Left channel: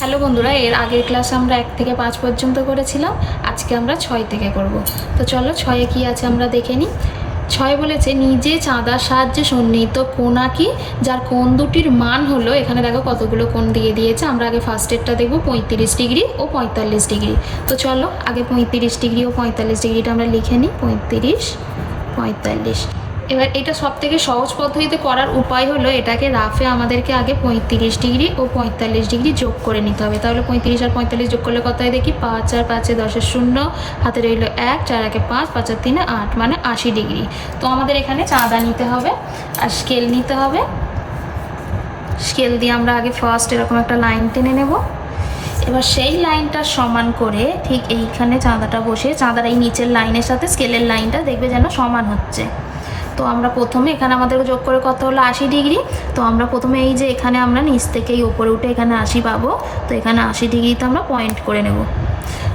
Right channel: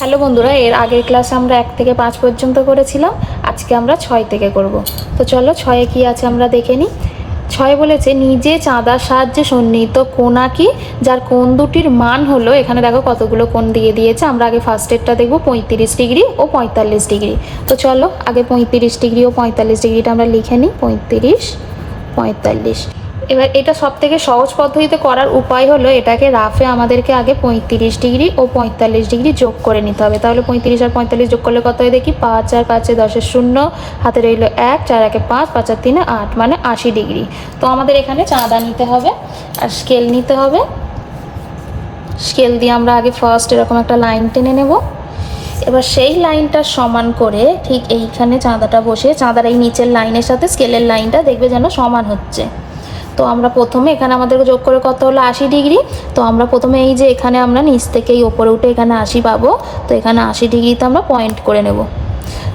Hello বন্ধুরা, এর আগের ক্লাস আমরা এক থেকে পাঁচ পর্যন্ত করেছিলাম, আজকে আমরা ছয় থেকে করব। তো চলো ছয়ে কি আছে আমরা দেখে নিই। ছয় বলেছে, নিজে চাঁদার সাহায্যে সন্নিহিত কোনাকি যার কোন দুটির মান হলো এখানে দেখো কতগুলো কোণ দিয়ে দিয়েছে। আমরা আগে ফার্স্ট ফার্স্টেরটা দেখব, পঁয়ত্রিশ ডিগ্রি ও পঁয়তাল্লিশ ডিগ্রি। তো চলো আগে পঁয়ত্রিশ ডিগ্রি ও পঁয়তাল্লিশ ডিগ্রিটা আমরা লিখে নিই, পঁয়ত্রিশ, পঁয়তাল্লিশ। এবার এটা সব থেকে সহজ পদ্ধতিতে করার উপায় হলো এটাকে রাফে আমাদেরকে আগে পঁয়ত্রিশ ডিগ্রি ও পঁয়তাল্লিশ ডিগ্রি যোগ করে নিতে হবে। তাহলে পঁয়ত্রিশ আর পঁয়তাল্লিশ যোগ করলে কত হয় দেখি? পাঁচ আর পাঁচে দশের শূন্য, হাতে রইল এক, চার একে পাঁচ পাঁচ আর তিনে আট মানে আশি ডিগ্রি। তো আমাদের এখানে চাঁদা নিতে হবে আর স্কেল নিতে হবে। স্কেল দিয়ে আমরা আগে ফার্স্ট এরকম একটা লাইন টেনে নেব। এবার সেই লাইনটা সমান করে ঠিক এইখানে চাঁদাটা বসে চাঁদার এই নিচের লাইনের সাথে স্কেলের লাইনটা দেখবে যেন সমান হচ্ছে। তো আমরা প্রথমে এখানে আমাদেরকে যোগ করে কত হলো? আশি ডিগ্রি। তো আমরা প্রথমে এই যে এখানে আমরা নিচ থেকে এই ওপরে উঠে এখানে আশি পাবো। তো এখানে আশি ডিগ্রিতে আমরা পয়েন্ট করে নেব।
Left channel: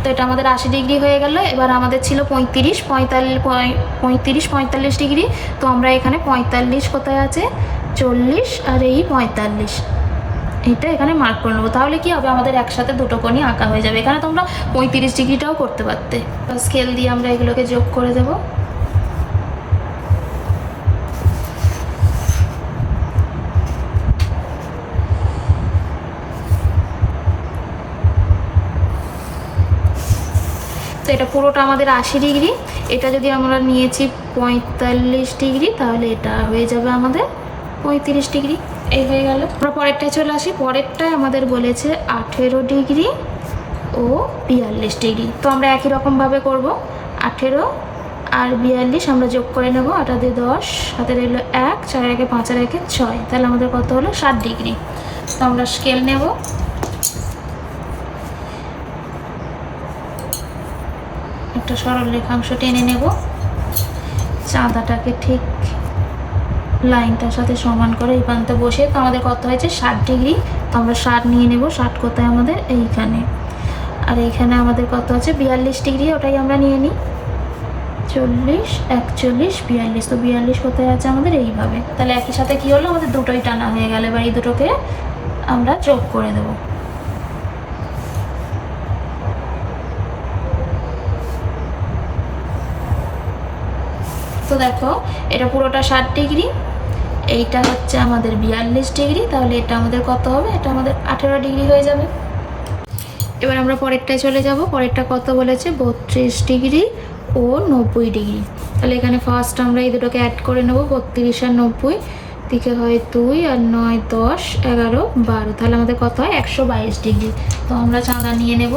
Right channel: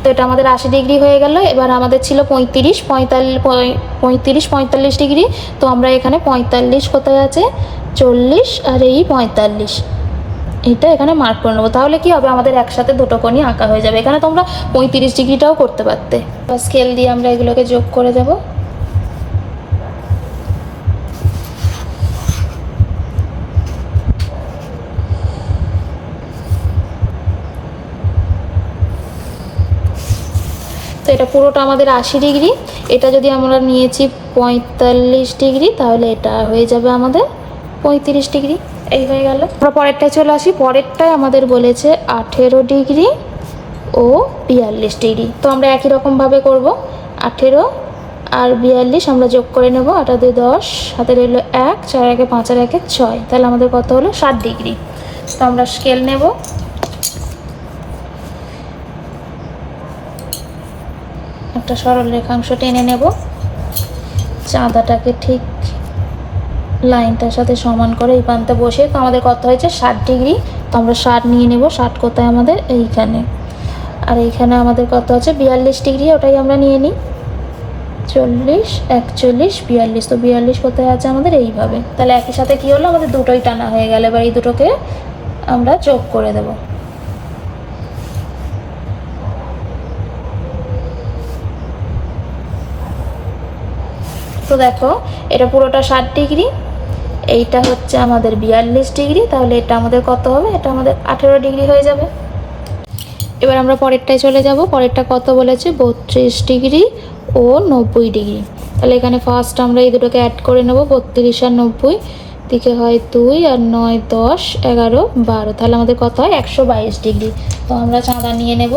তো এটা আমাদের আশি ডিগ্রি হয়ে গেল। এবার আমাদের ছিল পঁয়ত্রিশ, পঁয়তাল্লিশ পঁয়ত্রিশ, পঁয়তাল্লিশ ডিগ্রি। তো আমরা এখানে পঁয়তাল্লিশ কোথায় আছে? চল্লিশ আর এই পঁয়তাল্লিশ। এটা এখানে মার্ক করে নেব। তাহলে কি হবে? আমাদের একসাথে দুটো কোণই আঁকা হয়ে যাবে। এখানে তোমরা পঁয়ত্রিশ ডিগ্রিটাও করতে পারতে। স্কেল দিয়ে আমরা এগুলোকে যোগ করে দেবো। এটা পুরোটা আমাদের আশি ডিগ্রি। এটা যদি আমরা নিয়েছি পঁয়তাল্লিশ ডিগ্রি, তাহলে এটা হয়ে যাবে আমাদের পঁয়ত্রিশ ডিগ্রি। এই হয়ে গেল। আমরা পরেরটায় চলে আসি। পরেরটায় আমাদের বলেছে আঠেরো ডিগ্রি ও বিয়াল্লিশ ডিগ্রি। তো আমরা একই রকমভাবে করব। আঠেরো আর বিয়াল্লিশ আমরা যোগ করে নেব। আটা দিয়ে দশ হাতে রইল এক, চার একে পাঁচ আর একে ছয়। তাহলে আমাদের কত হলো? ষাট ডিগ্রি। তো আমরা স্কেল নেব। একটা সরল রেখাংশ টেনে নেব। চাঁদাটাকে ঠিক লাইনটার সাথে সমান করে এই প্রান্তে বসে, তো আমাদের কত হয়েছে? ষাট ডিগ্রি। তো আমরা ষাট নিয়ে নেব। ষাট কোথায় আমাদের? এইখানে। আর এইখানে আমাদের কত আছে? বিয়াল্লিশ ডিগ্রি, ওটাই আমরা নিয়ে নিই। চল্লিশ, একচল্লিশ, বিয়াল্লিশ। তো বিয়াল্লিশ কোথায় আছে আমাদের? এইভাবে। তাহলে একই সাথে কী হলো? আমাদের দুটোই টানা হয়ে গেল। এবার এই দুটোকে আমরা যোগ করে দেবো। তো দেখো, এটা পুরোটা ষাট ডিগ্রি। এইটা হচ্ছে আমাদের বিয়াল্লিশ ডিগ্রি। তাহলে এটা আমাদের কত হবে? এটা আমাদের আঠেরো ডিগ্রি হয়ে যাবে। এবার আমরা পরেরটায় চলে যাব। পরেরটা কত বলেছে? বত্রিশ ডিগ্রি ও নব্বই ডিগ্রি। তাহলে এখানে ফার্স্ট আমরা এই দুটোকে অ্যাড করে নেব, বত্রিশ আর নব্বই। দিকে হয় দুই আর নয়, দশ, এগারো, বারো। তাহলে আমাদের কত হয়? একশো বাইশ ডিগ্রি। তো আমরা চাঁদা নিয়ে নেব।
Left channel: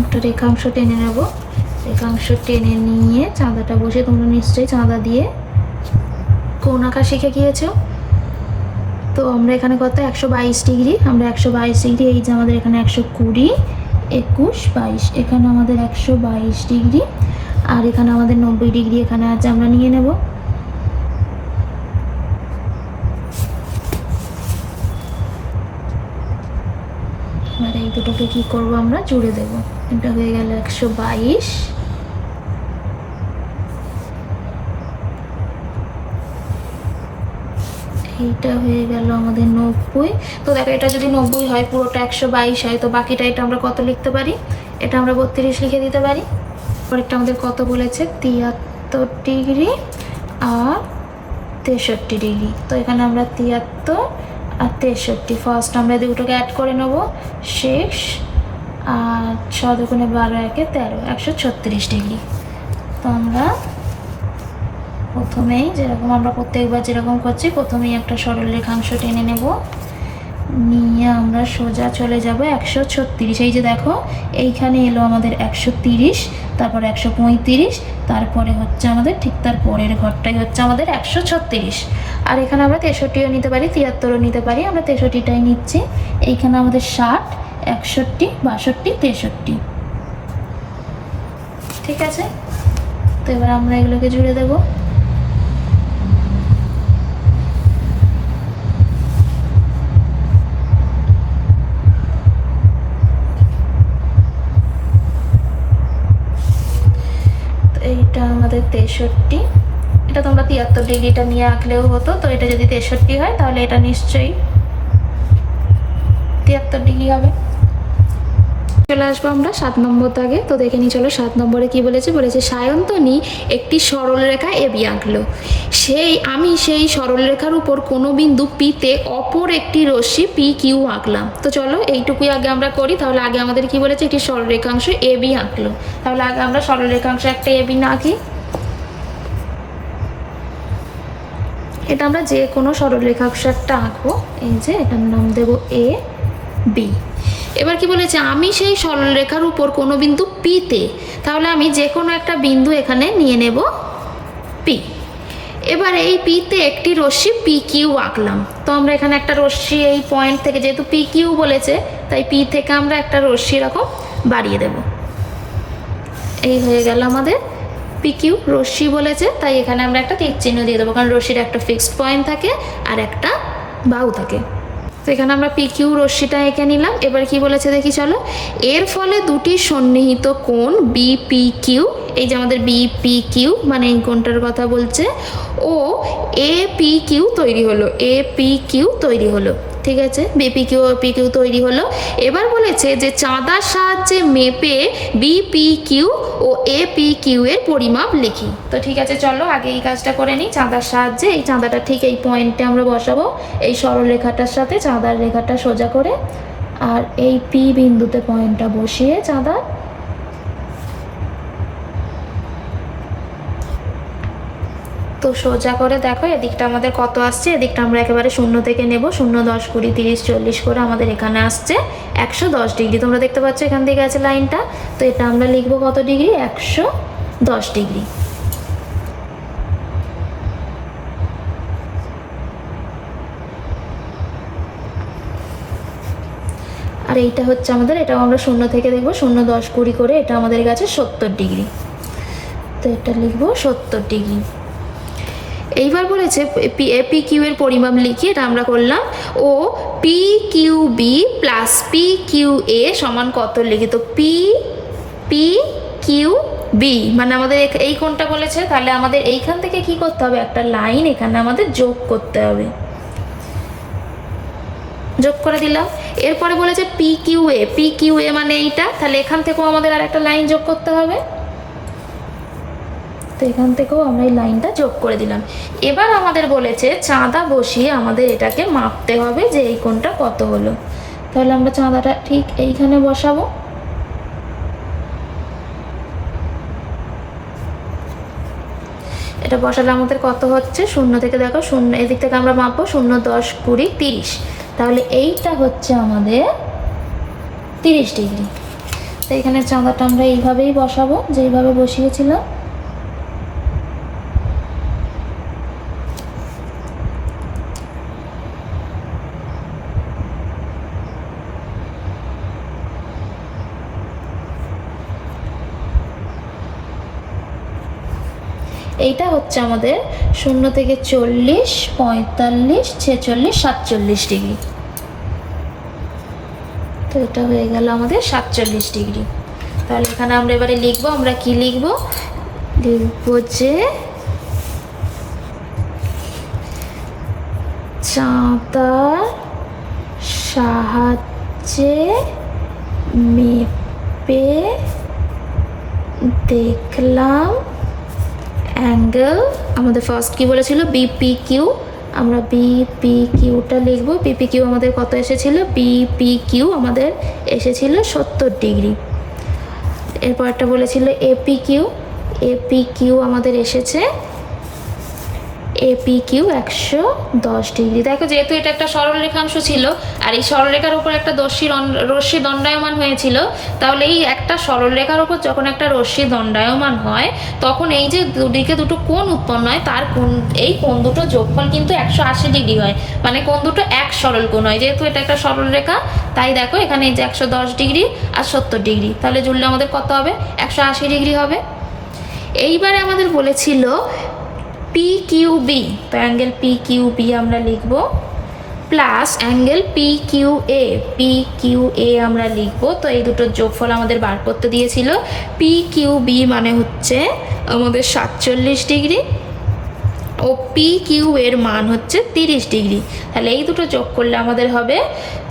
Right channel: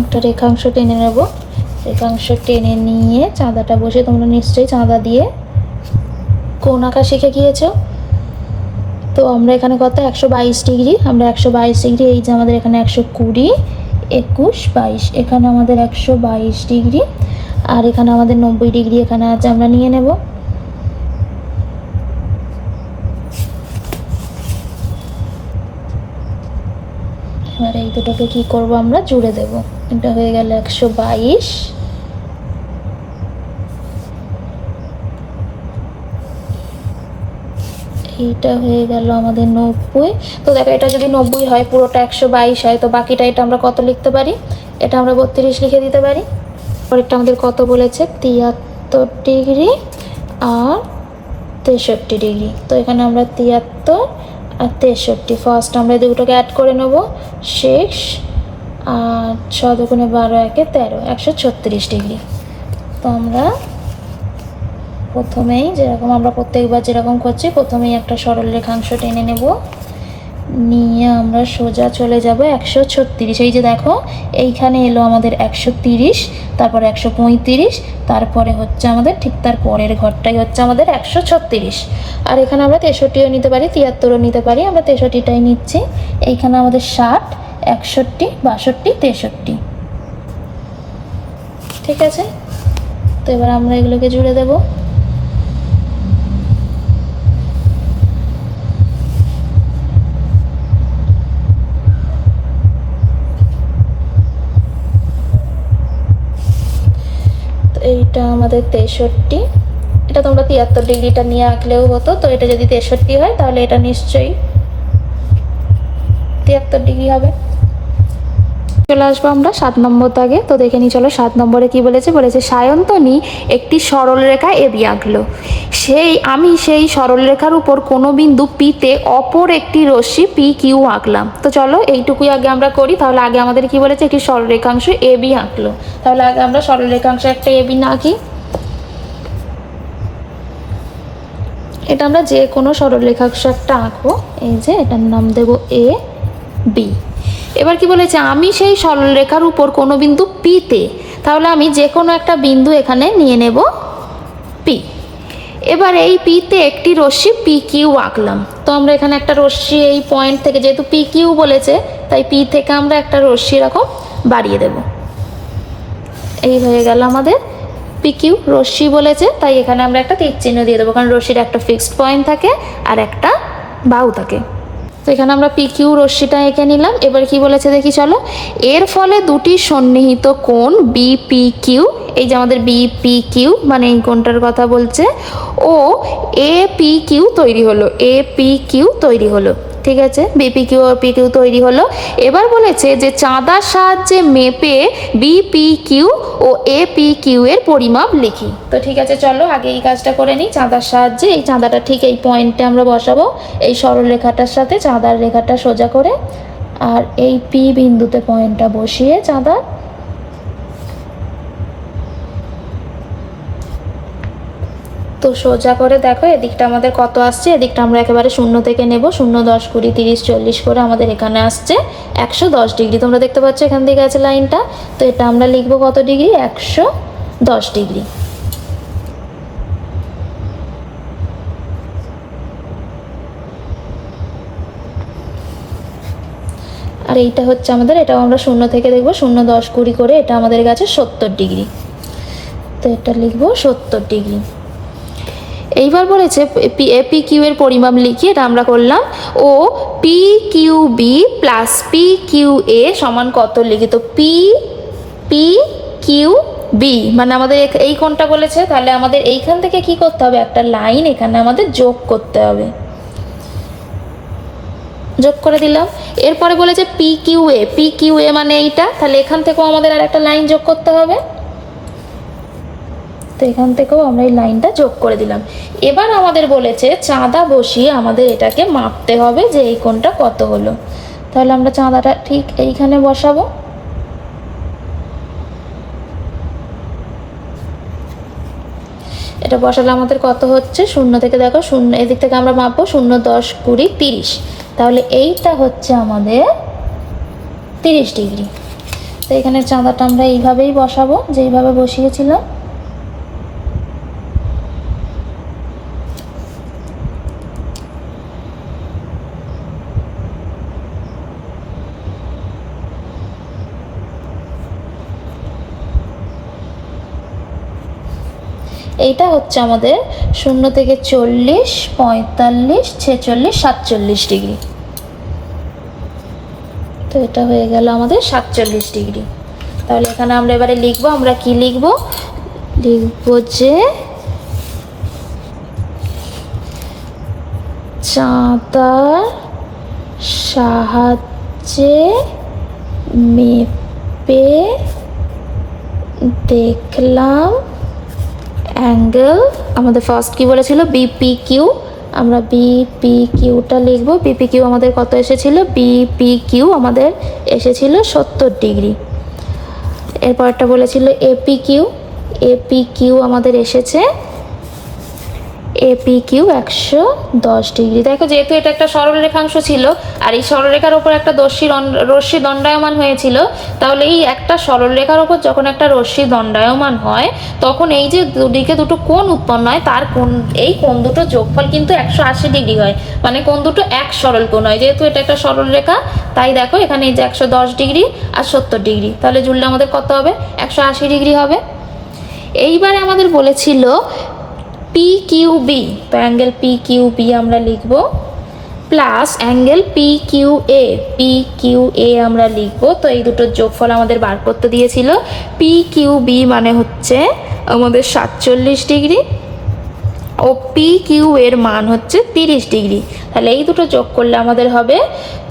একটা রেখাংশ টেনে নেব। রেখাংশ টেনে নিয়ে চাঁদাটা বসে, তোমরা নিশ্চয়ই চাঁদা দিয়ে কোন আঁকা শিখে গিয়েছো? তো আমরা এখানে কত? একশো বাইশ ডিগ্রি। আমরা একশো বাইশ ডিগ্রি, এই যে আমাদের এখানে একশো কুড়ি, একুশ বাইশ। এখানে আমাদের একশো বাইশ ডিগ্রি। আর এখানে আমাদের নব্বই ডিগ্রি এখানে আছে, আমরা নিয়ে নেব এবার এই দুটোকে কি করব আমরা? জুড়ে দেব। এটা হয়ে গেল একশো বাইশ। এইটা হয়ে গেল আমাদের নব্বই। তো দেখো, এটা যদি নব্বই হয়, পুরোটা একশো বাইশ হয়, তো বাকিটা এটা আমরা কত লিখতে পারি? এটা আমরা বত্রিশ লিখে দিতে পারি। পরেরটা আমাদের কত বলেছে? তিয়াত্তর ডিগ্রি আর তেষট্টি ডিগ্রি। তো এখানে আমরা তিয়াত্তর আর তেষট্টি। ফার্স্ট আমরা দুটোকে অ্যাড করে নেব। শেষ। আর ছ বারো একে তেরো, একশো ছত্রিশ ডিগ্রি। তো আমরা প্রথমেই যেরকম আমরা প্রত্যেকবার যেরকম করছি, প্রথমেই একটা সরল রেখাংশ টেনে নেব। নিয়ে আমরা সোজা চলে যাব একশো ছত্রিশ। এই যে দেখো, এইখানে এলো আমাদের একশো তিরিশ, তারপরে একশো পঁয়ত্রিশ, তারপরে হচ্ছে আমাদের ঠিক তার পরের ঘরটাই হচ্ছে আমাদের একশো ছত্রিশ। আর এখানে আমরা তেষট্টিও নিতে পারি, তিয়াত্তরও নিতে পারি, আমরা তেষট্টিটাই নিচ্ছি। এইখানে আমাদের ষাট, একষট্টি, বাষট্টি, তেষট্টি। ঠিক আছে? তো এবার আমরা এগুলোকে জুড়ে দেবো। এটা আমাদের তেষট্টি। এটা তোমরা তিয়াত্তর ডিগ্রিটা নিয়ে আঁকলেও হতো, তো এটা যদি তেষট্টি হয় তাহলে এটা নিশ্চয়ই তিয়াত্তর ডিগ্রি হবে। চলে আসব আমরা সাত নম্বর দাগে। তো দেখে নিই, চলো সাত নম্বরে কি বলেছে? বলেছে, সায়ন্তনী, একটি সরল রেখা এবি আঁকলো সেই, আমি সেই সরল রেখার উপর কোনো বিন্দু পিতে অপর একটি রশ্মি পি কিউ আঁকলাম। তো চলো, এইটুকুই আগে আমরা করি। তাহলে আগে আমাদের কি বলেছে? একটি সরল রেখাংশ বি আঁকলো তাহলে আগে আমরা সরল রেখাংশ একটা এ বি না আঁকি। এটা আমরা যে কোনো সরল রেখাংশ একটা আঁকবো। এই যে, এটার নাম দেবো এ বি। এবার কি বলেছে, আমি সেই সরলরেখার উপর কোনো বিন্দু পিতে তাহলে আমি যে কোনো একটা বিন্দু এখানে নিয়ে নেব পি এবার এই পিতে একটি রশ্মি পি কিউ আঁকলাম। তো আমরা এখানে একটা রশ্মি এই পয়েন্ট থেকে, যেহেতু পি কিউ বলেছে, তাই পি থেকে আমরা একটা রশ্মি এরকম বাড়িয়ে দেব। এই হয়ে গেল আমাদের পি কিউ রশ্মি বলেছে, তাই এখানে আমরা একটা তীর চিহ্ন দিয়ে দেবো, কারণ রশ্মির একটা ফিক্সড পয়েন্ট থাকে আর একটা বাউ থাকে। তো এখানে আমরা পি কিউ রশ্মিটা এঁকে নিলাম। এবার কি বলেছে দেখি চলো। এর ফলে দুটি সন্নিহিত কোণ বিপি কিউ এই যে আমাদের বিপি কিউ মানে এই কোণটার কথা বলছে, ও এ পি কিউ তৈরি হলো এ পি কিউ তৈরি হলো। ঠিক আছে? বিপি কিউ ও তৈরি হলো। এবার বলেছে যে চাঁদার সাহায্যে মেপে বিপিকিউ ও এ পি কিউ এর পরিমাপ লিখি। তো ঠিক আছে, চলো আগে এই কাজটা করে নিই। চাঁদার সাহায্যে এই চাঁদাটা ঠিক এই পয়েন্টে আমরা বসাবো। এই সরল রেখাটার সাথে চাঁদার রেখাটা সোজা করে। আর এই পি বিন্দুতে পয়েন্টটা বসিয়ে চাঁদার তো সোজা করে দেখো, এদিকটা আমাদের কত আসছে? এদিকটা আমরা একেবারে শূন্য থেকে নেব, শূন্য দশ কুড়ি তিরিশ চল্লিশ করে আমাদের এখানে আসছে একশো দশ ডিগ্রি। তোমরা দেখতে পাচ্ছ এখান থেকে আছে লাইনটা। তো এটা আমরা লিখব কত ডিগ্রি? একশো দশ ডিগ্রি। আর এইটা হচ্ছে আমাদের, এটাও আমরা শূন্য থেকে দেখব, শূন্য দশ কুড়ি করে এটা আমাদের কাছে সত্তর ডিগ্রি। তো এটা লিখব সত্তর ডিগ্রি। এইবার বলেছে, পি কিউ এর পরিমাপ লিখি এটা আমরা করলাম। O, P, Q, B plus P, Q, এ সমান কত লিখি তো পি পি, কিউ, বি। মানে আমাদের এই কোনটা বলেছে, তাহলে আমাদের এইখান থেকে কি করতে হবে? একটা লাইন এখানে আমাদের যোগ করতে হবে। যোগ করে দিলাম। এরপরে বলেছে P, Q, A. P, Q, A মানে এইটা। তাহলে এখান থেকেও আমাদের আর একটা লাইন যোগ করতে হবে। তো এখান থেকেও আমরা এই লাইনটা যোগ করে দিলাম। এবার আমাদের বলেছে চাঁদা বসিয়ে আমাদের এটাকে মাপতে হবে যে এই কোণটা কত হলো। তাহলে আমরা চাঁদাটা ঠিক এইখানে বসাবো। এটা বসালে আমাদের কত হচ্ছে? শূন্য থেকে দেখো, শূন্য, এদিক থেকে আমরা মাপবো শূন্য, দশ, কুড়ি, তিরিশ। তাহলে এইটা হচ্ছে আমাদের তিরিশ ডিগ্রি। তো এখানে চাঁদাটা আমরা এইভাবেই বসাবো, যেইভাবে বসিয়েছিলাম। এইটা হচ্ছে আমাদের শূন্য থেকে চল্লিশ, পঁয়তাল্লিশ, ছেচল্লিশ, সাতচল্লিশ ডিগ্রি। তো এটা হয়ে গেল আমাদের সাতচল্লিশ ডিগ্রি। তাহলে এখানে আমরা এবারে লিখব, আমরা কি লিখব? লিখব যে চাঁদার সাহায্যে মেপে দেখলাম অ্যাঙ্গেল, আমাদের ফার্স্ট কি বলেছিল বিপি কিউ আমরা বিপি কিউটা লিখব। বিপি কিউ আমাদের কত এসেছিল? বিপি কিউ আমাদের এসেছিল সত্তর ডিগ্রি। এরপরটা বলেছিল এপি কিউ এপি কিউ আমাদের এসেছে এপি কিউ একশো দশ ডিগ্রি। দেখো যেহেতু এটা একটা সরল রেখাংশ ছিল, আর এই সরলরেখার ওপর একটা দর্শী রশ্মি দণ্ডায়মান হয়েছিল, তাহলে এই একটা সরলরেখার ওপর যখন একটা রশ্মি দণ্ডায়মান হয়, তখন এই যে দুদিকে দুটো কোণ উৎপন্ন হয়, তার কোণ, এই কোণ দুটো যোগফল কিন্তু একশো আশি ডিগ্রি হয়। মানে কোণ দুটো এক সরল কোণ হয়, যেহেতু এটা একটা সরল রেখা তাই দেখো এখানে এই যে একশো দশ ডিগ্রি আর সত্তর ডিগ্রি। তাহলে জুড়লে আমাদের কত হবে? একশো আশি ডিগ্রি হবে। এইবারে আমাদের বলেছিল পি কিউ বি তো অ্যাঙ্গেল পি কিউ বি আমরা লিখব plus angle P Q A P Q A আমরা লিখব। তো এই দুটোর যোগফল আমাদের বার করতে দিয়েছিল। পি কিউ বি মানে হচ্ছে আমাদের সাতচল্লিশ ডিগ্রি। ও পি কিউ এর মান হচ্ছে তিরিশ ডিগ্রি। তাহলে এই দুটো যোগ করলে আমাদের হবে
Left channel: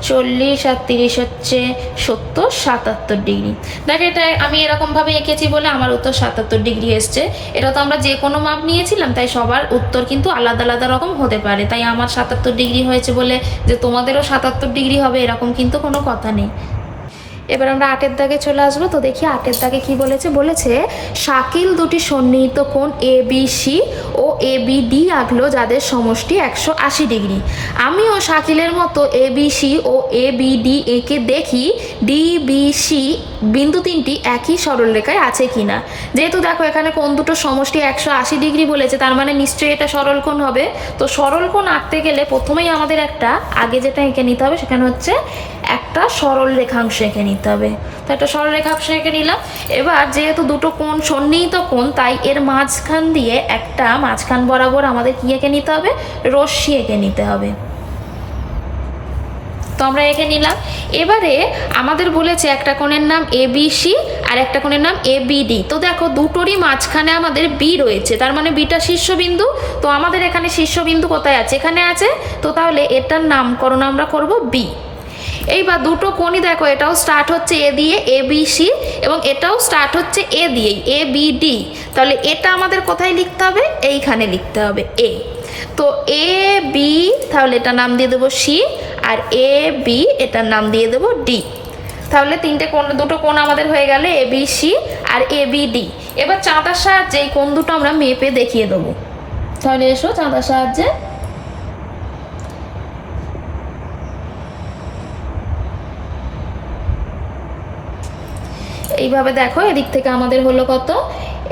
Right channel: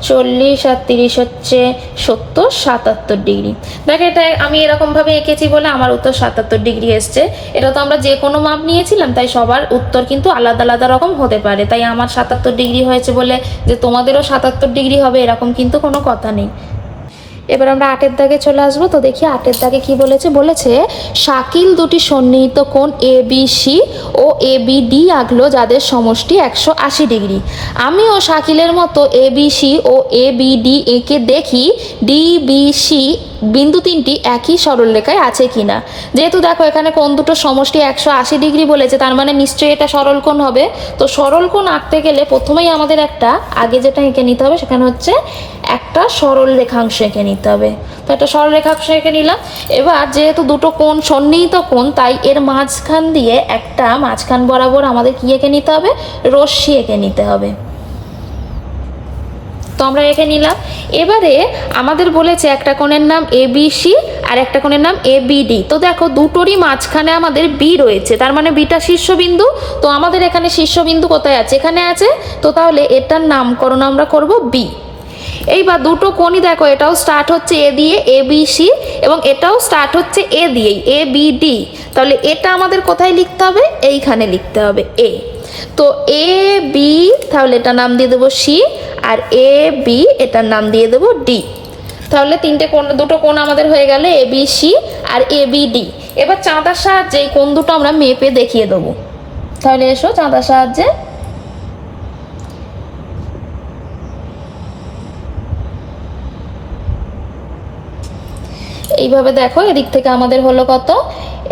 চল্লিশ আর তিরিশ হচ্ছে সত্তর, সাতাত্তর ডিগ্রি। দেখো, এটা আমি এরকমভাবে এঁকেছি বলে আমার উত্তর সাতাত্তর ডিগ্রি এসছে। এটা তো আমরা যে কোনো মাপ নিয়েছিলাম, তাই সবার উত্তর কিন্তু আলাদা আলাদা রকম হতে পারে। তাই আমার সাতাত্তর ডিগ্রি হয়েছে বলে যে তোমাদেরও সাতাত্তর ডিগ্রি হবে, এরকম কিন্তু কোনো কথা নেই। এবার আমরা আটের দাগে চলে আসব। তো দেখি আটের দাগে কি বলেছে? বলেছে, শাকিল দুটি সন্নিহিত কোণ A B C O A B D আঁকলো যাদের সমষ্টি একশো আশি ডিগ্রি। আমি ও শাকিলের মতো A B C O A B D একে দেখি। ডি বি সি বিন্দু তিনটি একই সরলরেখায় আছে কিনা? যেহেতু দেখো এখানে কোন দুটো সমষ্টি একশো আশি ডিগ্রি বলেছে, তার মানে নিশ্চয়ই এটা সরল কোণ হবে। তো সরল কোণ আঁকতে গেলে প্রথমেই আমাদের একটা, আগে যেটা এঁকে নিতে হবে সেখানে হচ্ছে একটা সরল রেখাংশ এঁকে নিতে হবে। তো একটা সরল রেখাংশ এঁকে নিলাম। এবার যেহেতু দুটো কোণ সন্নিহিত কোণ, তাই এর মাঝখান দিয়ে একটা মাঝখান বরাবর আমাদের কি এঁকে নিতে হবে? রশ্মি এঁকে নিতে হবে। তো আমরা এঁকে নিলাম। এবারে আমাদের বলেছে একটা কোণের নাম এ বি সি আর একটা কোণের নাম এ বি ডি তো দেখো, দুটোরই মাঝখানে আমাদের বি রয়েছে। তার মানে বিটা শীর্ষবিন্দু। তো আমাদের এখানে শীর্ষবিন্দু কোথায় আছে? এখানে আছে। তো তাহলে এটার নামকরণ আমরা করব বি এইবার দুটো কোণই দেখো, এটাও স্টার্ট হচ্ছে এ দিয়ে এ বি সি এবং এটাও স্টার্ট হচ্ছে এ দিয়েই এ বি ডি তাহলে এটা আমাদের কোথায় লিখতে হবে? এইখানে লিখতে হবে এ তো এ বি তাহলে এটা নাম দিয়ে দেবো সি আর এ বি এটার নাম দিয়ে দেবো ডি তাহলে তিনটে কোণ, দুটো কোণ আমাদের হয়ে গেলে এ বি সি আর এ বি ডি এবার চাঁদার সাহায্যে এই কোণ দুটো আমরা মেপে দেখিয়ে দেবো। তাহলে এসো চাঁদার সাহায্যে। এইভাবে দেখো, এদিক থেকে আমাদের হলো কত?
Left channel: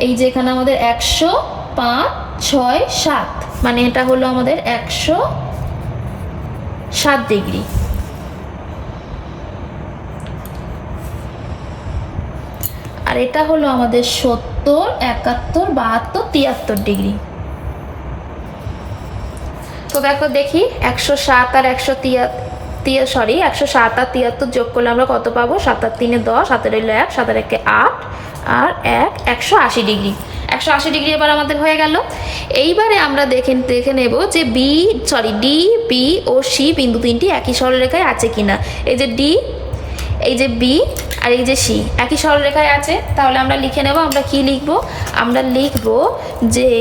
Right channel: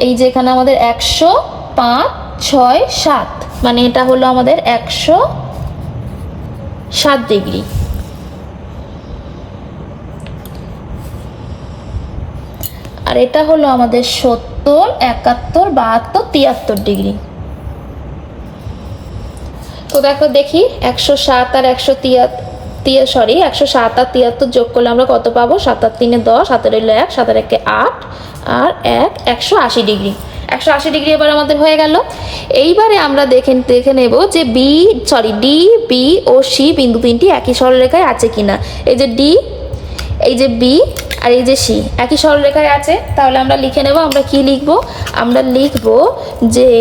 এই যে এখানে আমাদের একশো পাঁচ ছয় সাত। মানে এটা হলো আমাদের একশো সাত ডিগ্রি। আর এটা হলো আমাদের সত্তর, একাত্তর, বাহাত্তর, তিয়াত্তর ডিগ্রি। তো দেখো দেখি, একশো সাত আর একশো তিয়া সরি একশো সাত আর তিয়াত্তর যোগ করলে আমরা কত পাবো? সাত আর তিনে দশ, সাতের হইল এক, সাতের একে আট, আর এক, একশো আশি ডিগ্রি। একশো আশি ডিগ্রি এবার আমাদের হয়ে গেল। এইবারে আমরা দেখে দেখে নেব যে বি সরি ডি বি ও সি বিন্দু তিনটি একই সরলরেখায় আছে কিনা। এই যে ডি এই যে বি আর এই যে সি একই সরলরেখায় আছে। তাহলে আমরা লিখে নেব, আমরা কি লিখব? আমরা লিখব যে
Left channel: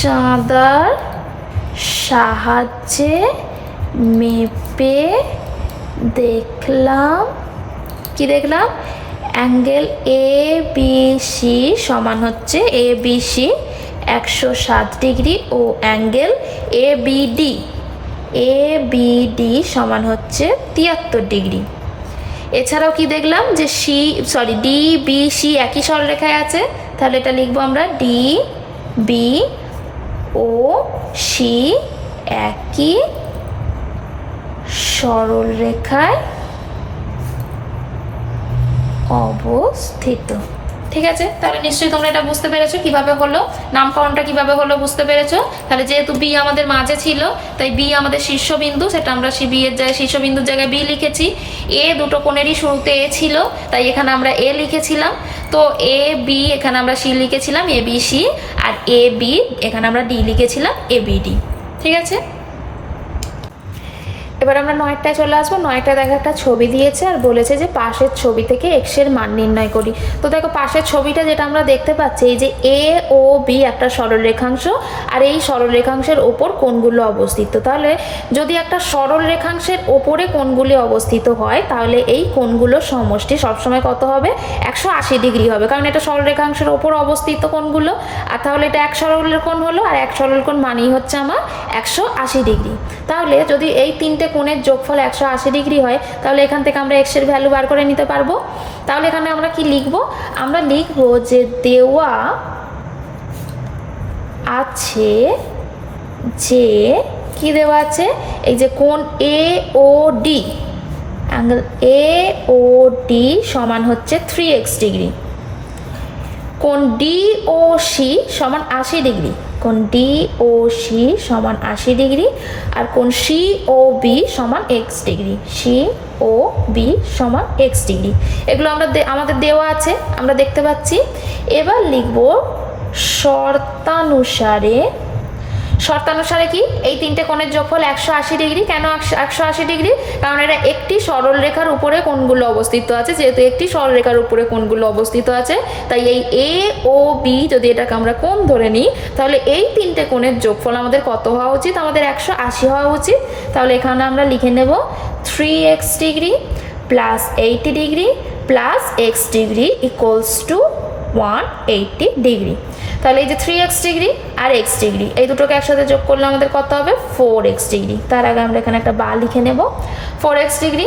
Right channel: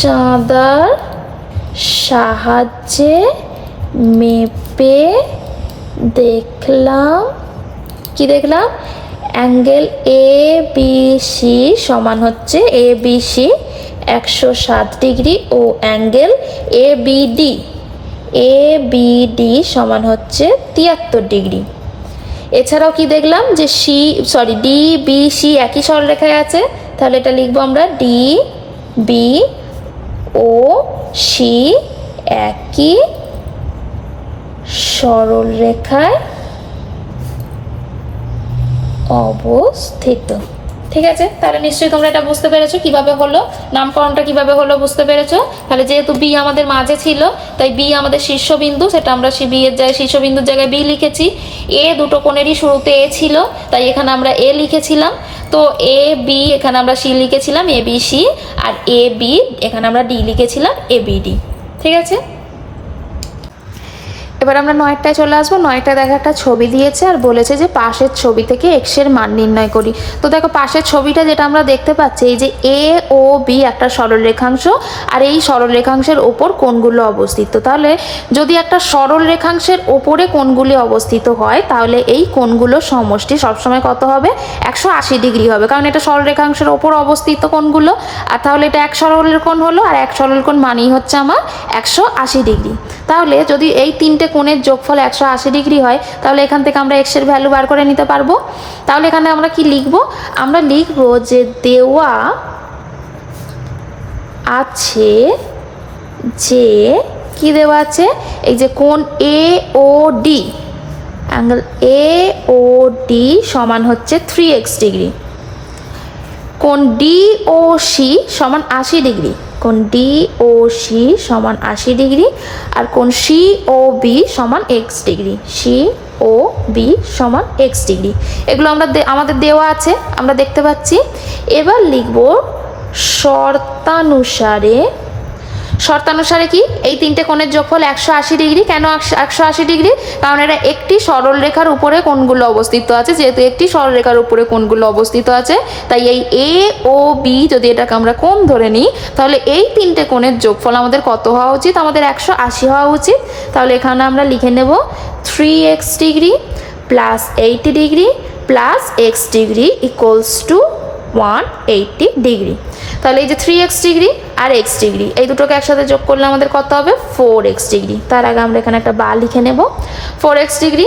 চাঁদার সাহায্যে মেপে দেখলাম কি দেখলাম? অ্যাঙ্গেল এ বি সি সমান হচ্ছে এ বি সি একশো সাত degree O angle A B D A B D সমান হচ্ছে তিয়াত্তর ডিগ্রি। এছাড়াও কি দেখলাম যে C sorry D B C একই সরলরেখায় আছে। তাহলে এটা লিখব আমরা ডি বি ও সি একই সরল রেখায় অবস্থিত। ঠিক আছে? তাহলে নিশ্চয়ই তোমরা এটা বুঝতে পেরেছ কীভাবে হলো? নামকরণটা কীভাবে হলো বুঝতে পেরেছ? তাহলে যেহেতু বি আমাদের মাঝে ছিল, তাই বি আমাদের শীর্ষবিন্দু, সেটা আমরা সি বি এর জায়গায়, শীর্ষবিন্দুর জায়গায় বি লিখেছি। এ দুটো কোণেরই শুরুতে এ ছিল, তাই এখানে আমরা এ লিখেছিলাম। তো এ বি এখানে আমরা সি লিখেছিলাম এ বি সি আর এ বি এখানে আমরা ডি লিখেছিলাম এ বি ডি ঠিক আছে? এবার আমরা নয়টায় চলে আসব। নয়টা দেখো একটা ছবি দিয়েছে আর বলেছে যে পাশের ছবি থেকে এক্সের মান নির্ণয় করি। তো দেখো পাশের ছবিটা যেটা আমরা দেখতে পাচ্ছি, এই যে এ ও বি একটা সরল রেখাংশ আর এই সরল রেখাংশের ওপর কোনগুলো অবস্থিত। তাহলে যদি একটা সরল রেখাংশের ওপরে কোনগুলি অবস্থিত হয়, তাহলে এই কোণগুলোর সমষ্টি সবসময় কত হবে? একশো আশি ডিগ্রি হবে। কারণ এটা সরল রেখাংশের ওপর অবস্থিত কোনগুলো আর তাহলে এটা এক সরলের কোণ হলো আর এক সরল কোণ মানেই হচ্ছে আমার একশো আশি ডিগ্রি। তাহলে যদি এই তিনটে কোণের যোগফল একশো আশি ডিগ্রি হয়, তাহলে এখান থেকে আমরা এক্সের ভ্যালু বার করে নিতে পারব। তাহলে এখানে আমরা কি লিখব? আমরা লিখব যে দেওয়া আছে যে, কি দেওয়া আছে? এই যে কোন A O D angle A O D সমান হচ্ছে থ্রি এক্স ডিগ্রি। কোন ডি ও সি সমান আশি ডিগ্রি। কোণ ডি ও সি সমান আশি ডিগ্রি আর কোন সি ও বি সমান X degree. C O B সমান এক্স ডিগ্রি। এগুলো আমরা আমাদের দেওয়া আছে, আমরা দেখতে পাচ্ছি। এবার লিখব শর্তানুসারে শর্তানুসারে কি? এই তিনটে কোণের যোগফল একশো আশি ডিগ্রি। কেন একশো আশি ডিগ্রি? কারণ এটা একটি সরল রেখার উপরে কোণগুলো অবস্থিত আছে। যেহেতু একটি সরল রেখার উপরে কোণগুলো অবস্থিত আছে, তাই এই এ ও বি যদি এটাকে আমরা কোণ ধরে নিই, তাহলে এই তিনটে কোণের যোগফল আমাদের কত হওয়া উচিত? আমাদের একশো আশি হওয়া উচিত। তাহলে এখানে আমরা লিখে নেব three X degree plus eighty degree plus X degree equals to one eighty degree. তাহলে এই যে থ্রি এক্স ডিগ্রি আর এক্স ডিগ্রি, এই দুটোকে একসাথে যোগ করলে আমাদের কত হবে? Four X degree. তার আগে আমরা এখানে একটা বা লিখে নেব। Four X degree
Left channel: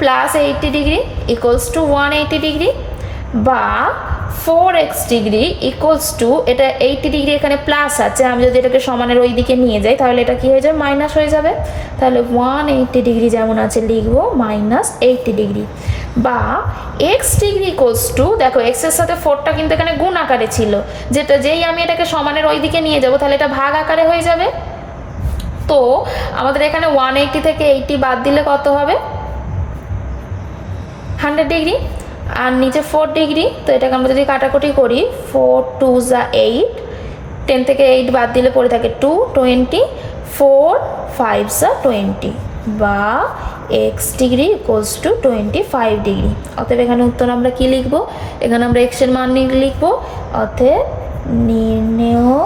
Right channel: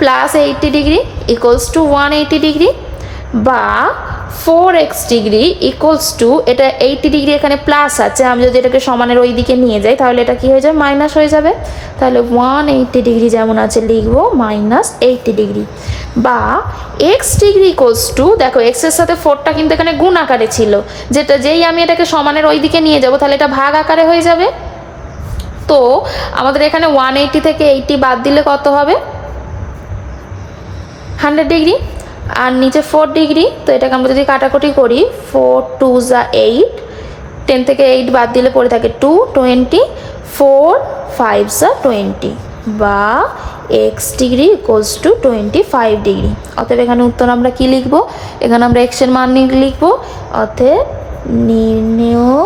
plus eighty degree equals to one eighty degree বা four X degree equals to এটা এইটি ডিগ্রি এখানে প্লাস আছে, আমি যদি এটাকে সমানের ওই দিকে নিয়ে যাই, তাহলে এটা কি হয়ে যাবে? মাইনাস হয়ে যাবে। তাহলে ওয়ান এইটি ডিগ্রি যেমন আছে, লিখব মাইনাস এইটি ডিগ্রি বা এক্স ডিগ্রি ইকুয়ালস টু দেখো এক্সের সাথে ফোরটা কিন্তু এখানে গুণ আকারে ছিল। যেটা যেই আমি এটাকে সমানের ওই দিকে নিয়ে যাব, তাহলে এটা ভাগ আকারে হয়ে যাবে। তো আমাদের এখানে ওয়ান এইটি থেকে এইটি বাদ দিলে কত হবে? হান্ড্রেড ডিগ্রি আর নিচে ফোর ডিগ্রি তো এটাকে আমরা যদি কাটাকুটি করি ফোর টু যা এইট টেন থেকে এইট বাদ দিলে পড়ে থাকে টু টোয়েন্টি ফোর ফাইভ যা টোয়েন্টি বা X degree equals to twenty five degree অতএব এখানে উত্তর আমরা কি লিখব? এখানে আমরা এক্সের মান লিখব। অতএব নির্ণেয়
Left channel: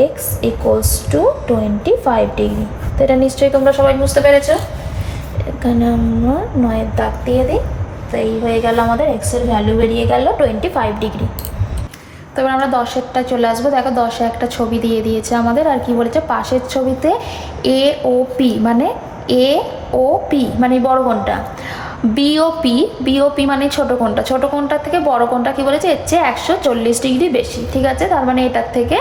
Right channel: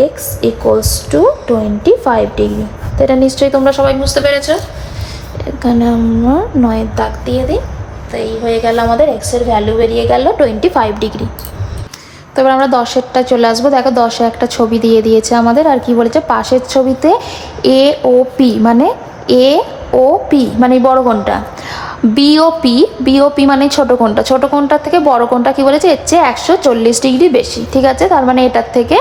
X equals to twenty five degree তো এটা নিশ্চয়ই তোমরা সবাই বুঝতে পেরেছ? এখানে আমরা নয়ের দাগ দিয়ে দিই। তো এই হয়ে গেল আমাদের এক্সের ভ্যালু বেরিয়ে গেল টোয়েন্টি ফাইভ ডিগ্রি তারপর আমরা দশেরটা চলে আসব। দেখো দশে একটা ছবি দিয়ে দিয়েছে আমাদের। আর কি বলেছে? পাশের ছবিতে এ ও পি মানে এ ও পি মানে বড় কোনটা? বিওপি বিওপি মানে ছোট কোনটা ছোট কোনটার থেকে বড় কোনটা কি বলেছে? এর চেয়ে একশো চল্লিশ ডিগ্রি বেশি, ঠিক আছে? তার মানে এটার থেকে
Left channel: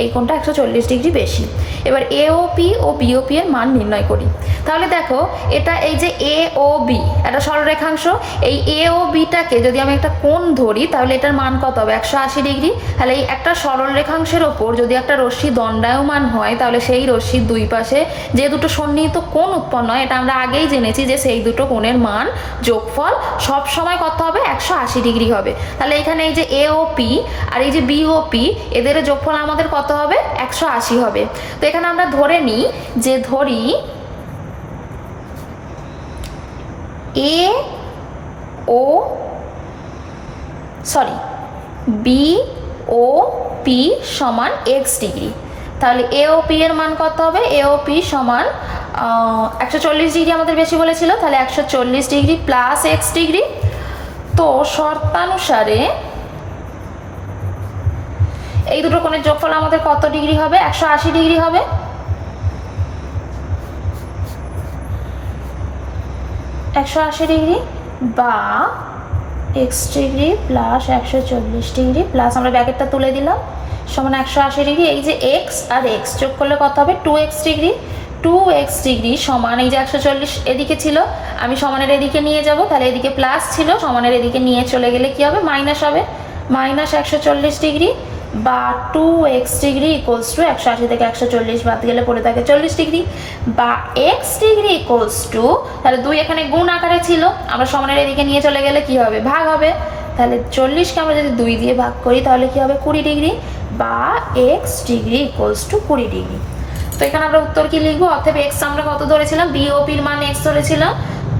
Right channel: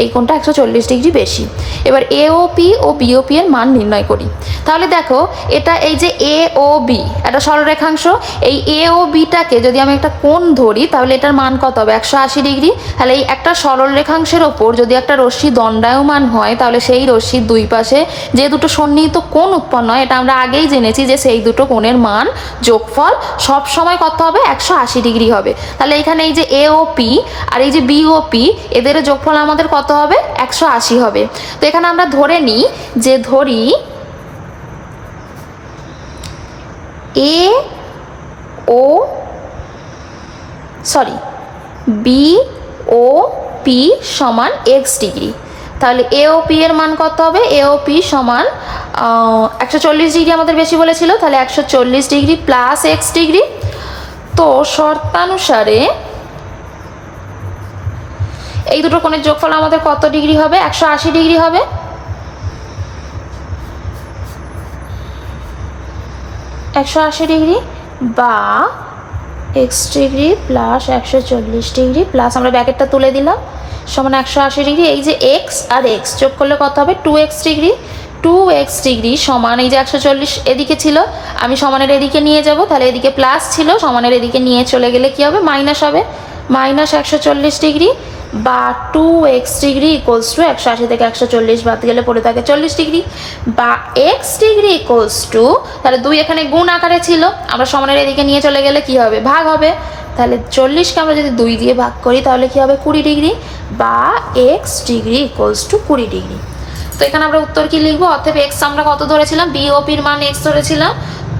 এই কোনটা একশো চল্লিশ ডিগ্রি বেশি। এবার এওপি ও বিওপি এর মান নির্ণয় করি। তাহলে দেখো, এটা এই যে এ ও বি একটা সরলরেখাংশ, এই এ ও বিটাকে যদি আমি একটা কোণ ধরি, তাহলে এটার মান কত হবে? একশো আশি ডিগ্রি। তাহলে এই একটা সরল রেখাংশের ওপর যদি একটা রশ্মি দণ্ডায়মান হয়, তাহলে সেই রশ্মির দুই পাশে যে দুটো সন্নিহিত কোণ উৎপন্ন হয়, এটা আমরা আগেই জেনেছি যে সেই দুটো কোণের মান যোগফল সব সময় কত হবে? একশো আশি ডিগ্রি হবে। তাহলে এখানে এই যে এ ও পি আর এই যে বি ও পি এদের যোগফল আমাদের কত হবে? একশো আশি হবে। তো এখানে আমরা ধরে নিই যে ধরি A O sorry B O P সমান এক্স ডিগ্রি। তাহলে এ ও পি এর মান কত হবে? এ ও পি সমান একশো চল্লিশ ডিগ্রি আমাদের বেশি বলেছিল, তাহলে একশো চল্লিশ ডিগ্রি প্লাস এক্স ডিগ্রি। তো শর্তানুসারে এই দুটো কোণের যোগফল আমাদের কত ডিগ্রি হবে? একশো আশি ডিগ্রি হবে। একশো আশি ডিগ্রি বা এক্স ডিগ্রি প্লাস একশো চল্লিশ ডিগ্রি প্লাস আমরা ব্যাকেটটা তুলে দিলাম। সমান একশো আশি ডিগ্রি, এই যে এক্স আর এক্স যোগ করলে কত হবে? Two X degree. Two X degree সমান এই যে একশো চল্লিশ এদিকে ছিল, আমি সমানের এদিকে নিয়ে যাব, তাহলে এদিকে প্লাস ছিল, সমানের এদিকে নিয়ে চলে গেলে কি হবে? মাইনাস হবে। মাইনাস একশো চল্লিশ ডিগ্রি বা two X degree equals to একশো আশি থেকে একশো চল্লিশ বাদ গেলে পড়ে থাকে চল্লিশ ডিগ্রি বা এক্স ডিগ্রি ইকুয়ালস টু তাহলে দুই এখানে গুণ আকারে ছিল, আমরা সমানের এদিকে নিয়ে চলে গেলে কি হবে? ভাগ হবে। তাহলে চল্লিশকে আমরা যদি দুই দিয়ে ভাগ করি, তাহলে কি হবে? কুড়ি ডিগ্রি বা এক্স ডিগ্রি ইকুয়ালস টু কুড়ি ডিগ্রি তো এখানে আমরা উত্তর কি লিখব? অর্থাৎ এক্স আমরা কত ধরেছিলাম? বিওপির মান এক্স ধরেছিলাম।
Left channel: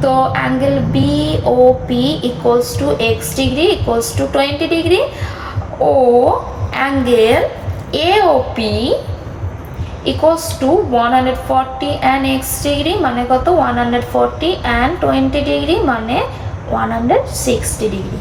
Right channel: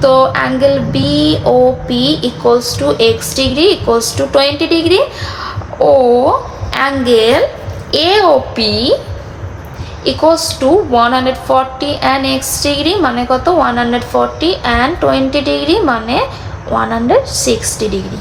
তো angle B O P equals to X degree equals to twenty degree O angle A O P equals to one hundred forty and X degree মানে কত? One hundred forty and twenty degree মানে one hundred sixty degree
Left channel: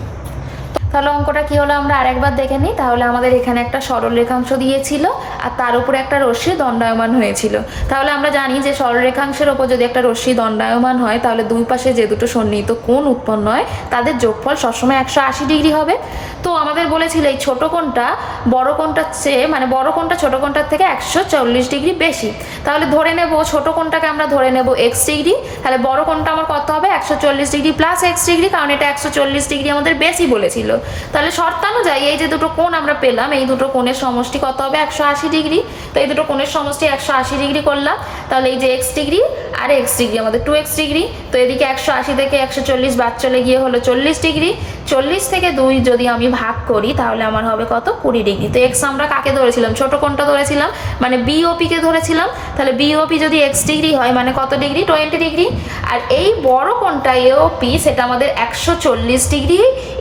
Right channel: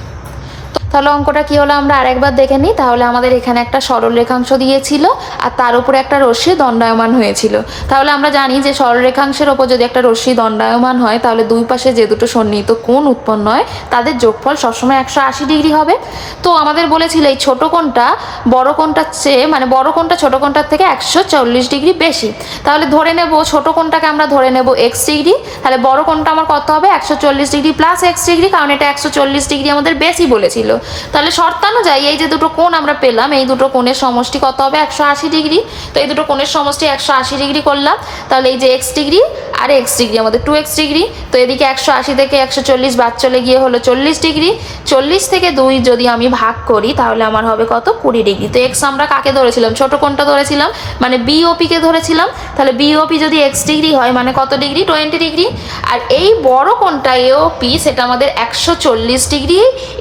তাহলে অঙ্কটা কি হলো আমরা আরেকবার দেখে নিই। তাহলে আমাদের এখানে একটা সরল রেখাংশ দিয়েছিল আর তার উপরে একটা রশ্মি দণ্ডায়মান হয়েছিল। তাহলে আমরা জানি যে সরল রেখাংশের ওপর যদি একটা রশ্মি দণ্ডায়মান হয়, তাহলে দুই পাশে যে দুটো সন্নিহিত কোণ উৎপন্ন হয়, তাদের যোগফল সবসময় একশো আশি ডিগ্রি হবে। তো আমাদের বলেছিল এই ছোটো কোণটা বড় কোণটার চেয়ে মানে বড় কোণটা ছোটো কোণটার থেকে একশো চল্লিশ ডিগ্রি বেশি। তাহলে ধরে নেব ছোটো কোণটাকে আমরা ধরে নেব এক্স ডিগ্রি। তাহলে বড় কোণটা আমার কত হবে? একশো চল্লিশ ডিগ্রি প্লাস এক্স ডিগ্রি, কারণ এটা একশো চল্লিশ ডিগ্রি আমাদের বেশি বলেছিল। তাহলে শর্তানুযায়ী এই যে দুটো কোণ আমরা পেলাম, এই দুটো কোণের সমষ্টি কত হবে? একশো আশি ডিগ্রি। তো এই দুটো কোণের সমষ্টি একশো আশি ডিগ্রি করলাম। তাহলে এই যে এক্স ডিগ্রি আর এক্স ডিগ্রি, আমাদের টু এক্স ডিগ্রি। তো এদিকে একশো আশি থেকে একশো চল্লিশ বাদ চলে গিয়ে হলো চল্লিশ ডিগ্রি। চল্লিশ থেকে দুই যদি আমি ভাগ করি, তাহলে আমার হবে কত? কুড়ি ডিগ্রি। তো এক্স আমরা কাকে ধরেছিলাম? ছোট কোনটা ধরেছিলাম। মানে বিওপিকে ধরেছিলাম। তাহলে বিওপি যদি এক্স ডিগ্রি হয় মানে কত ডিগ্রি? Twenty degree. আর এই বড় কোনটা এওপি সেটা আমাদের একশো চল্লিশ ডিগ্রি।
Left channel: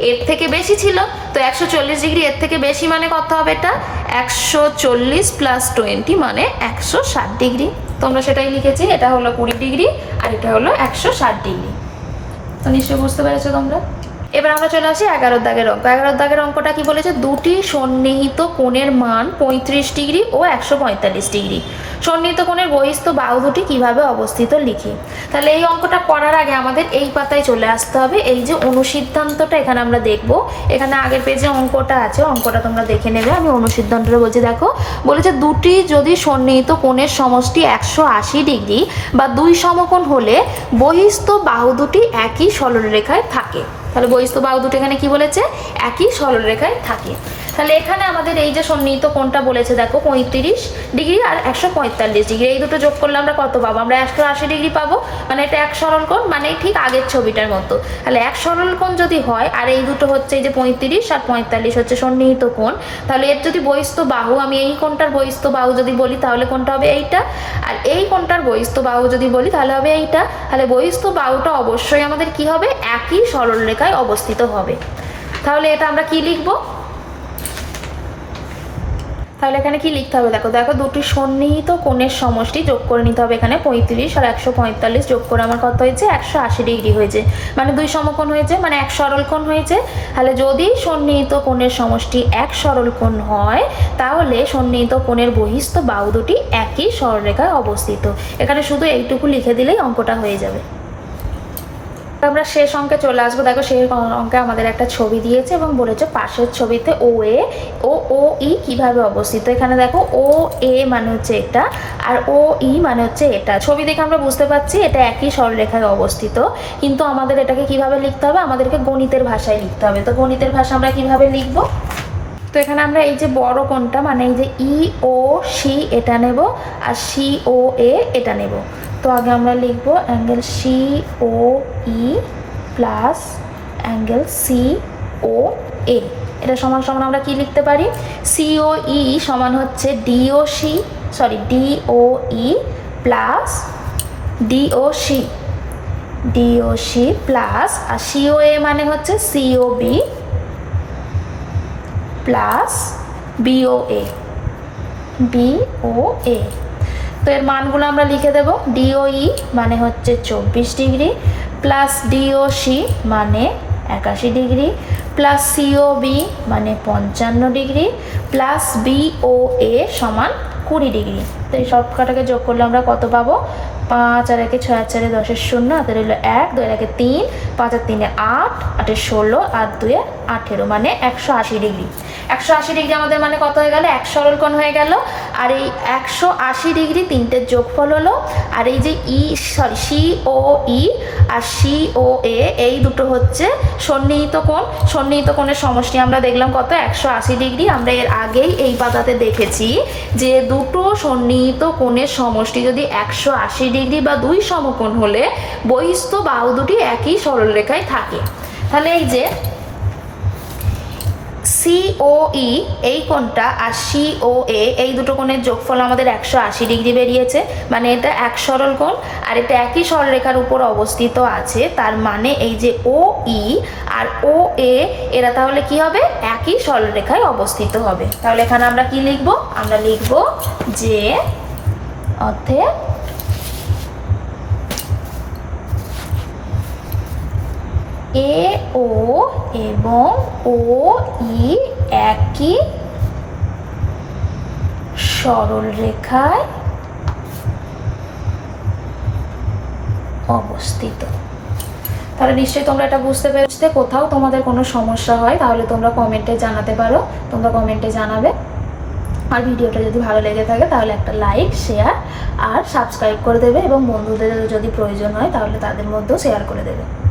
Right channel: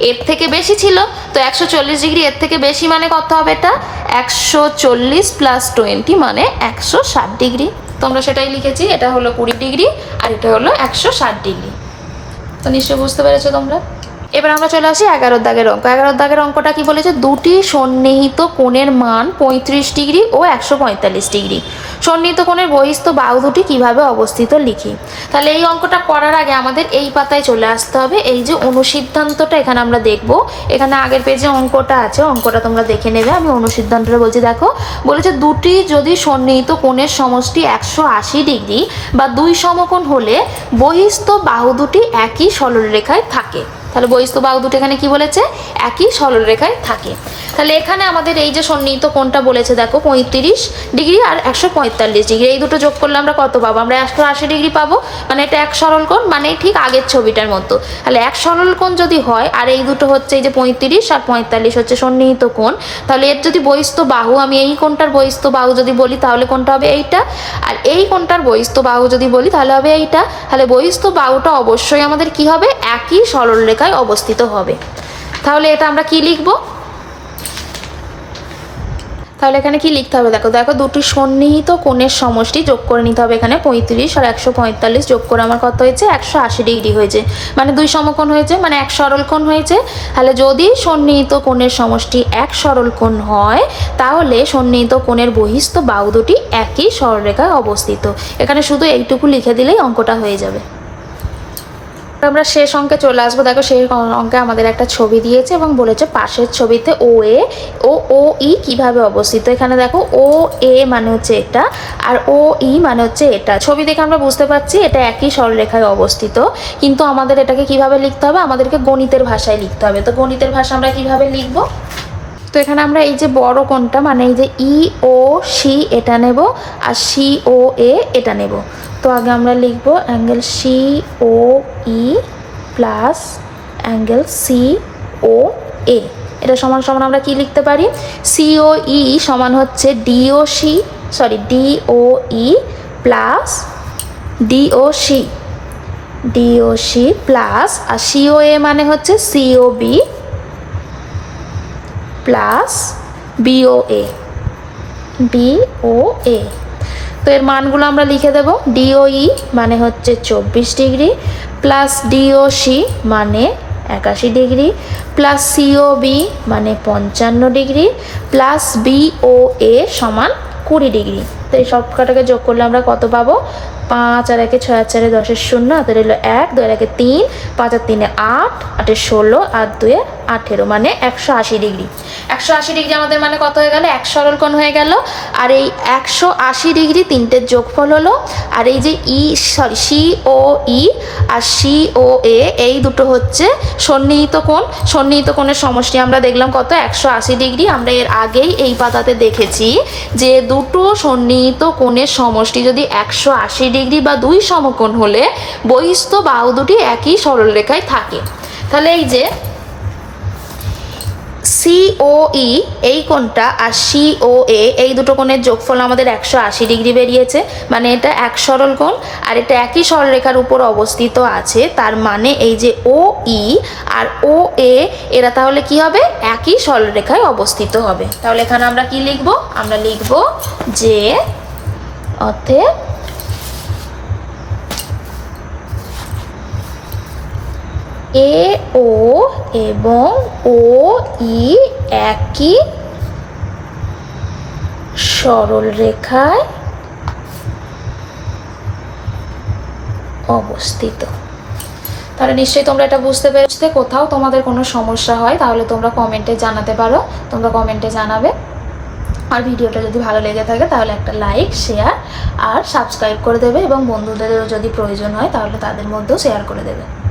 এর থেকে বেশি ছিল, তো একশো চল্লিশ ডিগ্রি এর থেকে বেশি মানে কত হবে এটা? একশো চল্লিশ প্লাস টোয়েন্টি মানে একশো ষাট ডিগ্রি। তোমরা সেটাই লিখেছি, এটা হলো কুড়ি ডিগ্রি আর এটা হলো একশো ষাট ডিগ্রি। তো নিশ্চয়ই বুঝতে পেরেছ তোমরা? এবার আমরা চলে আসি এগারো দাগের অঙ্ক। এগারো দাগের অঙ্কটা কি বলেছে? দুটি সন্নিহিত কোণের মান পঁয়ত্রিশ ডিগ্রি ও একশো পঁয়তাল্লিশ ডিগ্রি। সন্নিহিত কোণের বহিস্থ বাহু দুটি কীভাবে অবস্থিত লিখি? তাহলে এই অঙ্কটা করার আগে আমাদের এই পাতায় চলে আসতে হবে। এই যে অনুসিদ্ধান্তটা এখানে আমরা দেখব। এখানে আগের পেজে অঙ্কটা আছে, অঙ্কটা তোমরা দেখে নেবে। আমি অনুসিদ্ধান্তটা বলছি, দেখো, বলেছে দুটি যদি সন্নিহিত কোণের সমষ্টি একশো আশি ডিগ্রি বা দুই সমকোণ হলে বহিস্থ বাহু দুটি একই সরলরেখায় থাকে। তাহলে বহিস্থ বাঘ দুটো এখানে কি বলেছে? একই সরলরেখায় থাকে। তাহলে এখানে আমাদের এই যে সন্নিহিত কোণটা বলেছে, দেখো পঁয়ত্রিশ ডিগ্রি আর একশো পঁয়তাল্লিশ ডিগ্রি। এই দুটো যোগ করলে আমরা কত পাবো? আমরা একশো আশি ডিগ্রি পাবো। মানে এটা এক সরল কোণ মানে ঠিক আগের ছবিটার মতো। তাহলে এক সরল কোণ যদি হয়, আর এই দুটো হচ্ছে এই যে পঁয়ত্রিশ আর পঁয়তাল্লিশ হচ্ছে সন্নিহিত কোণ, তাহলে এর যদি বহিস্থ বাহু, আমি এই কোণটার বহিস্থ বাহু যদি বলি, তাহলে কোনটা হবে এইটা। আর এই কোণটার বহিস্থ বাহু যদি বলি, তাহলে হবে এইটা। তাহলে বহিস্থ বাহুটা অবশ্যই আমাদের কি হবে? একই সরলরেখায় অবস্থিত হবে। তাহলে এটা আমরা কি লিখব? তাহলে এখানে কি লিখতে হবে? দেখো দেখো, দুটি সন্নিহিত কোণের সমষ্টি যোগ করে নিতে হবে এখানে পঁয়ত্রিশ আর একশো পঁয়তাল্লিশ যোগ করে আমার কত হয়েছে? একশো আশি ডিগ্রি হয়েছে। মানে দুই সমকোণ হয়েছে মানে এক সরল কোণ হয়েছে। তাহলে যদি সন্নিহিত কোণের সমষ্টি এক সরল কোণ হয়, তাহলে সন্নিহিত কোণের বহিস্থ বাহু দুটি একই সরলরেখায় অবস্থিত। এখানে শুধু এইটুকু লিখে দিলেই অঙ্কটা হয়ে যাবে। আমরা শেষ অঙ্কে চলে আসব। দেখো সেই অঙ্কে আমাদের একটা ছবি দিয়েছে এবং বলেছে পাশের ছবিতে ও এ, ও ও, ই কীভাবে অবস্থিত? এখানে দেখো ও, এ মানে হচ্ছে এটা আর ও, ই মানে হচ্ছে এটা। ছবি দেখে আমরা বুঝতে পারছি এটা একই সরলরেখায় অবস্থিত, কিন্তু আমাদের এটাকে কীভাবে লিখতে হবে? আমাদেরকে গণিতের ভাষায় লিখতে হবে। তো গণিতের ভাষা আমরা কীভাবে লিখব? তো এখানে আমরা এই যে বড় কোনটা মানে এই যে ই, ও, সি এটা নেব আর সি, ও, এ এটা নেব। তো আগে আমরা লিখব angle C O E plus angle C O A এটা সমান সমান আমরা কি লিখতে পারি? সি ও ই সমান হচ্ছে D O C sorry D O E plus D O C D O C plus R CO A মানে হচ্ছে C O B plus B O A B O A তো এর মানগুলো আমরা লিখে দেব। DOE মানে হচ্ছে চব্বিশ ডিগ্রি, প্লাস ডিওসি মানে একাশি ডিগ্রি, প্লাস সিওবি মানে পঞ্চান্ন ডিগ্রি, প্লাস বিও এ সমান কুড়ি ডিগ্রি। তো এই সব কটাকে যোগ করলে আমরা কত পাবো? পাঁচ আর একে ছয়, চারে দশের শূন্য হাতের এলো এক, দুই একে তিন, পাঁচ আর তিনে আট আটের ষোলো আর দুয়ে আঠেরো মানে একশো আশি ডিগ্রি। একশো আশি ডিগ্রি আমাদের মানে কত হয়ে গেল? এক সরল কোণ হয়ে গেল। আর এই একশো আশি ডিগ্রি তিনটের যোগফল হলো। আর এই যে E, sorry, C, O, E R C, O, A, এই দুটো হচ্ছে সন্নিহিত কোণ। সন্নিহিত কোণের সমষ্টি আমরা দেখলাম কত? একশো আশি ডিগ্রি। আমরা এর আগেই এই পাতাতে দেখেছি যে দুটো সন্নিহিত কোণের সমষ্টি যদি একশো আশি ডিগ্রি বা দুই সমকোণ হলে বহিস্থ বাহু দুটি একই সরলরেখায় থাকে। তাহলে এই যে সিওই এই কোণটা আর সিও এ এই দুটো কোণের যোগফল আমাদের একশো আশি ডিগ্রি বেরিয়েছে। মানে এটা এক সরল কোণ আর এটা একই সরলরেখার উপর অবস্থিত আছে। তার মানে এই যে ও ই আর ও এ এরা তাহলে কি হবে? একই সরলরেখায় অবস্থিত হবে। তাহলে এখানে আমরা কি লিখব? আমরা লিখব যে অর্থে এ, ও এবং ও, ই একই সরল রেখায় অবস্থিত। তাহলে নিশ্চয়ই তোমরা এটা বুঝতে পেরেছ কোথাও তোমাদের কোনো সমস্যা হয়, তাহলে তোমরা কমেন্টে জানাতে পারো। তোমরা কমেন্টে জানাবে। আর ভিডিওটা যদি ভালো লেগে থাকে, তাহলে একটা লাইক শেয়ার আর সাবস্ক্রাইব করে দেবে এবং বন্ধুদের যদি প্রয়োজন হয়, তাহলে তাদের মধ্যেও শেয়ার করে দেবে।